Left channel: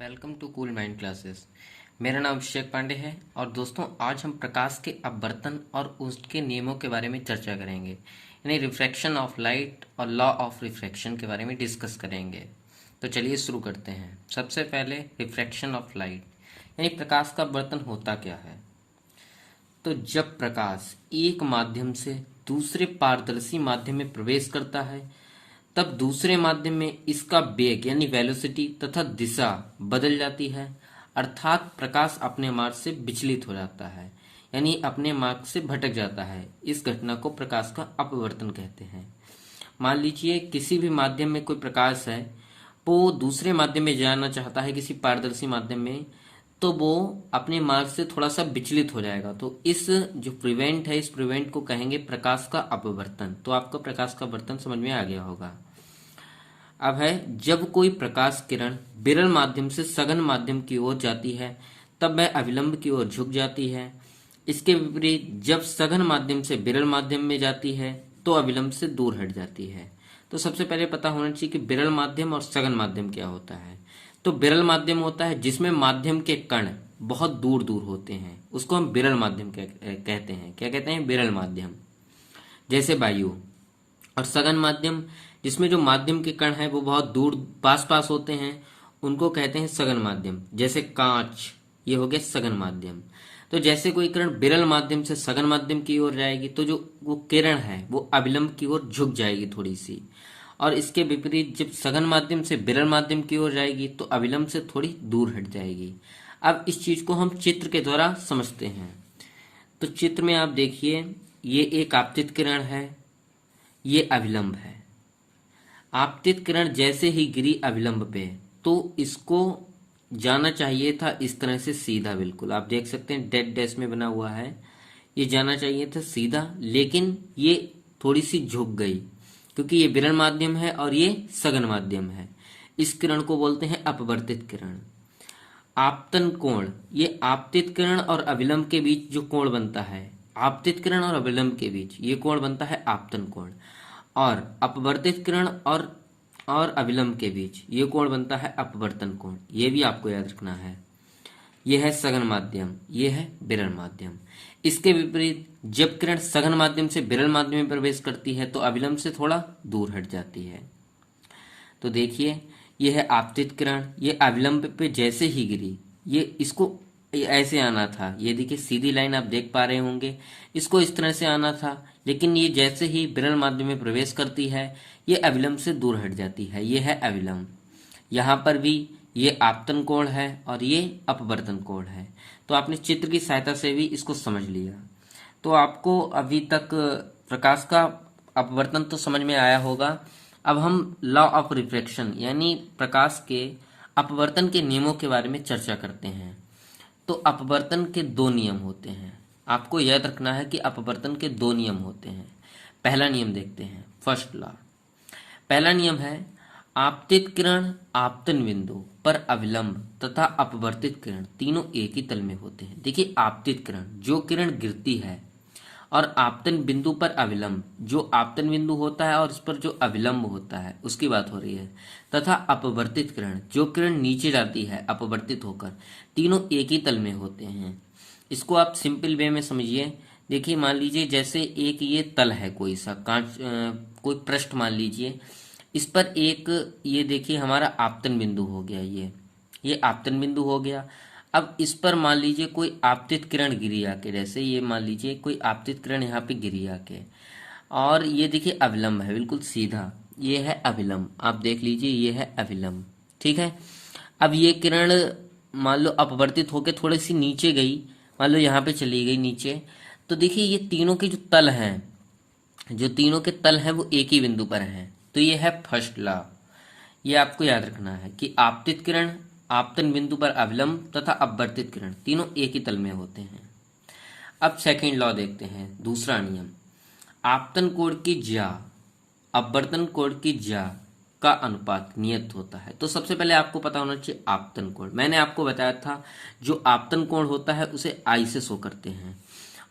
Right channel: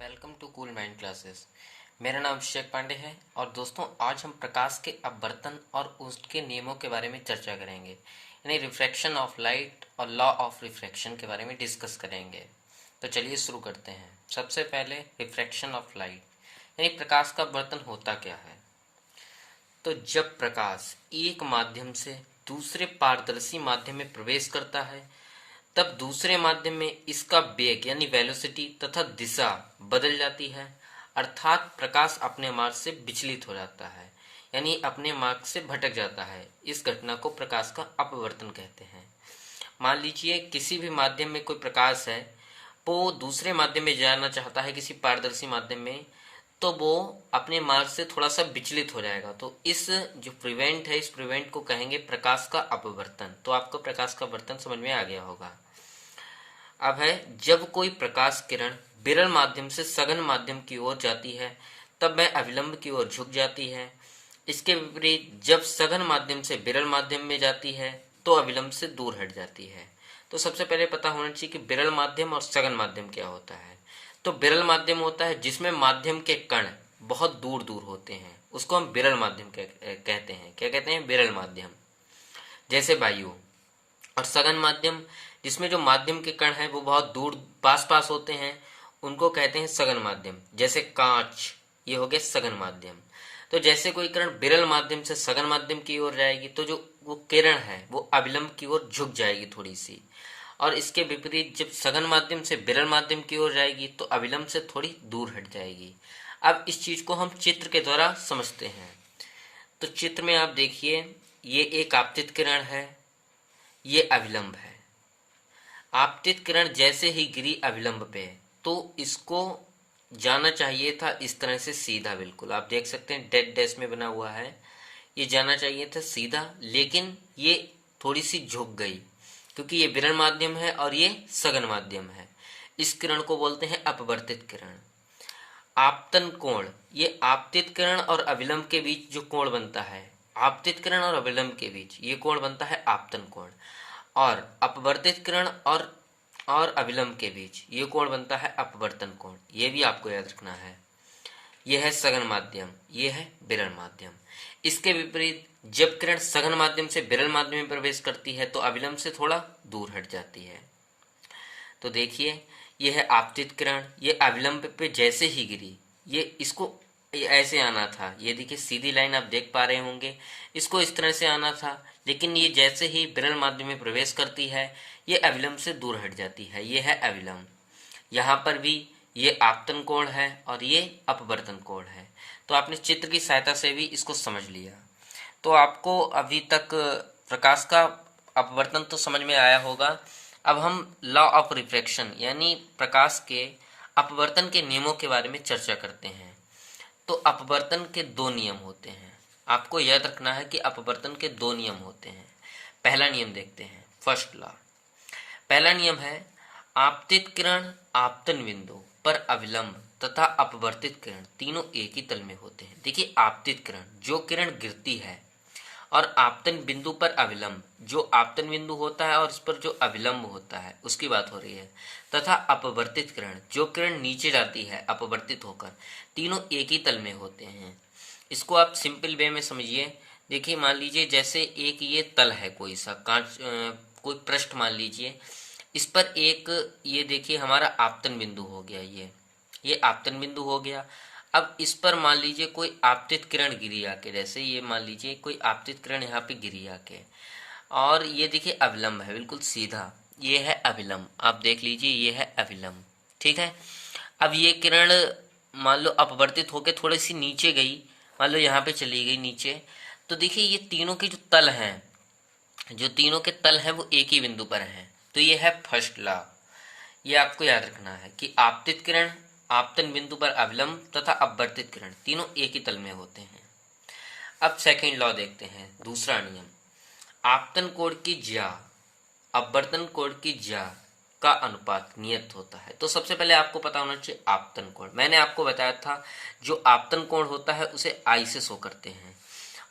Welcome to cool mind classes. मेरा नाम अभिषेक पांडे है और दोस्तों आज हम प्रकाश के अपवर्तन और उसके नियमों के बारे में चर्चा करेंगे, यानी रिफ्रैक्शन ऑफ लाइट और लॉ ऑफ रिफ्रैक्शन के बारे में डिस्कस करेंगे। तो चलिए शुरू करते हैं। सबसे पहले रिफ्रैक्शन ऑफ लाइट, यानी प्रकाश का अपवर्तन होता क्या है। तो जब प्रकाश एक माध्यम से दूसरे पारदर्शी माध्यम में प्रवेश करता है तब दूसरे माध्यम में इसका वेग यानी वेलोसिटी तथा दिशा बदल जाती है, अर्थात प्रकाश अपने मार्ग से विचलित हो जाता है, यानी अपने मार्ग से भटक जाता है। इस घटना को प्रकाश का अपवर्तन कहते हैं। मान लीजिए किसी भी माध्यम में कोई प्रकाश है, वो दूसरे माध्यम में जाना चाहता है किसी पारदर्शी माध्यम में, तो वो अपने मार्ग से थोड़ा सा विचलित हो जाएगा। तो इस जो प्रिवेंट है, इस प्रिवेंट को कहेंगे प्रकाश का अपवर्तन। तो आपको प्रकाश का अपवर्तन समझ में आ गया होगा। अब है, जब कोई प्रकाश किरण विरल माध्यम से सघन माध्यम की ओर जाती है तब वह अविलंब की ओर झुक जाती है। इसके विपरीत जब सघन माध्यम से विरल माध्यम में जाती है तो अविलंब से दूर हट जाती है। तो सबसे पहले पता होना चाहिए कि विरल माध्यम और सघन माध्यम क्या होता है। तो विरल माध्यम होता है जिसमें माध्यम के कण बहुत दूर दूर होते हैं, उसको हम विरल माध्यम कहते हैं। क्या कहते हैं? विरल माध्यम, जैसे वायु। और सघन माध्यम जिसमें जो माध्यम के कण हैं वो बहुत दूर पास पास होते हैं, उनको कहते हैं सघन माध्यम, जैसे कांच। ये हो गया सघन माध्यम। तो जैसे कोई किरण विरल माध्यम से सघन माध्यम की ओर जाएगी तो जो वो किरण है वो अविलंब की ओर झुक जाएगी थोड़ी सी, और इसके विपरीत जब सघन माध्यम से विरल माध्यम की ओर जाएगी तो अविलंब से थोड़ी दूर हट जाएगी। अब इस चीज को हम चित्र के द्वारा समझते हैं। तो चित्र में आप देखिए, ये एक आपतित किरण है, ये अविलंब है। आपतित किरण जैसे ही गिरी अविलंब पे तो इसको जाना चाहिए था इस तरह से सीधा, बिल्कुल आप देख सकते हैं डेड डैश में बना हुआ है। ये जाना चाहिए था सीधा, लेकिन ये थोड़ी सी झुक गई क्योंकि ये विरल माध्यम है और ये सघन माध्यम है। इस किरण को बोलते हैं अपवर्तित किरण। आपतन कोण, ये आपतित किरण और अविलंब के बीच जो कोण बनता है, आपतित किरण और अविलंब के बीच ये कोण बनता है आपतन कोण। और अपवर्तित किरण और अविलंब के बीच ये कोण बनता है अपवर्तन कोण। ये भी आपको याद रखना है। यह है सघन माध्यम, यह है विरल माध्यम। इसके विपरीत जब किरण सघन माध्यम से विरल माध्यम में प्रवेश करती है तो अविलंब से थोड़ा दूर हट जाती है। तो देखिए, यह है आपतित किरण, ये अविलंब पे जैसे ही गिरी, ये इसको ऐसे आना था। ये देखिए सीधी लाइन आप देख पा रहे होंगे, इसको इस तरह से आना था, लेकिन ये जैसे ही विरल माध्यम में प्रवेश करती है ये अविलंब से दूर हट जाती है। ये है अविलंब। यहाँ पर भी ये आपतन कोण है और ये अपवर्तन कोण है। तो आपने चित्र की सहायता से भी इसको समझ लिया। तो आपको अभी तक प्रकाश का अपवर्तन तो समझ में आया होगा। अब हम लॉ ऑफ रिफ्रैक्शन यानी प्रकाश के अपवर्तन के नियमों के बारे में चर्चा करते हैं। तो अपवर्तन के दो नियम होते हैं। आपको याद रखना है कि अपवर्तन के दो नियम होते हैं। पहला नियम देखते हैं, फर्स्ट लॉ। पहला नियम है, आपतित किरण आपतन बिंदु पर अविलंब तथा अपवर्तित किरण तीनों एक ही तल में होते हैं। देखिए, आपतित किरण जो किरण गिरती है और आपतन बिंदु पर अविलंब, जो आपतन बिंदु होता है और इस पर जो अविलंब होता है उसकी बात हो रही है, तथा अपवर्तित किरण जो किरण नीचे जाती है अपवर्तित होकर, तीनों एक ही तल में होते हैं। इसको आप सिंपल वे में समझिए। देखिए, मान लीजिए जैसे एक ये तल है, कोई सा कांच कोई पृष्ठ मान लीजिए, इस पर एक ये देखिए हमारा आपतन बिंदु हो गया, ये आपतन बिंदु हो गया। अब इस पर मान लीजिए कोई आपतित किरण गिरी आके, जैसे ये मान लीजिए कोई आपतित किरण यहाँ पे गिरी आके, और ये देखिए अविलंब है बिल्कुल सीधा, ये है अविलंब। आप देख लीजिए ये है अविलंब, ठीक है। अब ये किरण मान लो अपवर्तित होकर थोड़ी सी नीचे गई, मान लो यहाँ पे चली गई नीचे, तो देखिए ये तीनों के जो तल हैं, जो तीनों के तल हैं वो एक ही बिंदु पर हैं। तो ये है फर्स्ट लॉ। ये आपको याद रखना है कि आपतित किरण आपतन बिंदु पर अविलंब तथा अपवर्तित किरण तीनों एक ही तल में होते हैं। अब सेकंड लॉ देखते हैं, दूसरा नियम। आपतन कोण की ज्या अपवर्तन कोण की ज्या का अनुपात नियत होता है। तो सबसे पहले आपको पता होना चाहिए आपतन कोण। मैंने आपको बताया था जो आपतन कोण होता है उसे आई से शो करते हैं,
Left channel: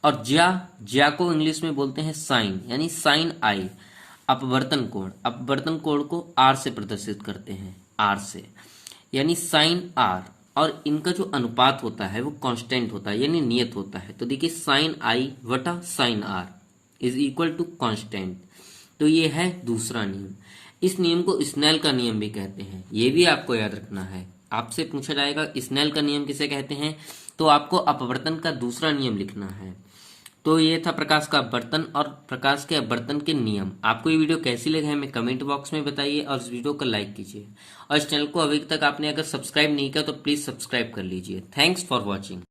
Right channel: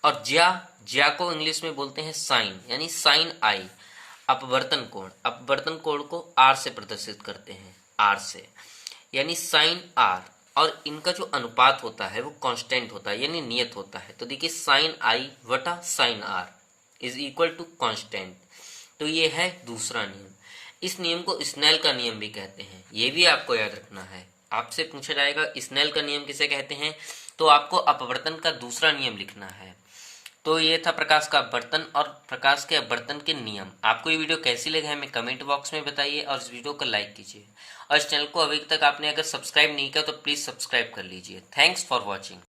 और ज्या को इंग्लिश में बोलते हैं साइन, यानी साइन आई। अपवर्तन कोण को आर से प्रदर्शित करते हैं, आर से। यानी साइन आर, और इनका जो अनुपात होता है वो कांस्टेंट होता है यानी नियत होता है। तो देखिए साइन आई वटा sine r is equal to constant. तो ये है दूसरा नियम। इस नियम को स्नेल का नियम भी कहते हैं, ये भी आपको याद रखना है। आपसे पूछा जाएगा स्नेल का नियम किसे कहते हैं, तो आपको अपवर्तन का दूसरा नियम लिखना है। तो ये था प्रकाश का अपवर्तन और प्रकाश के अपवर्तन के नियम। आपको ये वीडियो कैसी लगी हमें कमेंट बॉक्स में बताइए और इस वीडियो को लाइक कीजिए। और इस चैनल को अभी तक आपने अगर सब्सक्राइब नहीं किया तो प्लीज़ सब्सक्राइब कर लीजिए। Thanks for watching.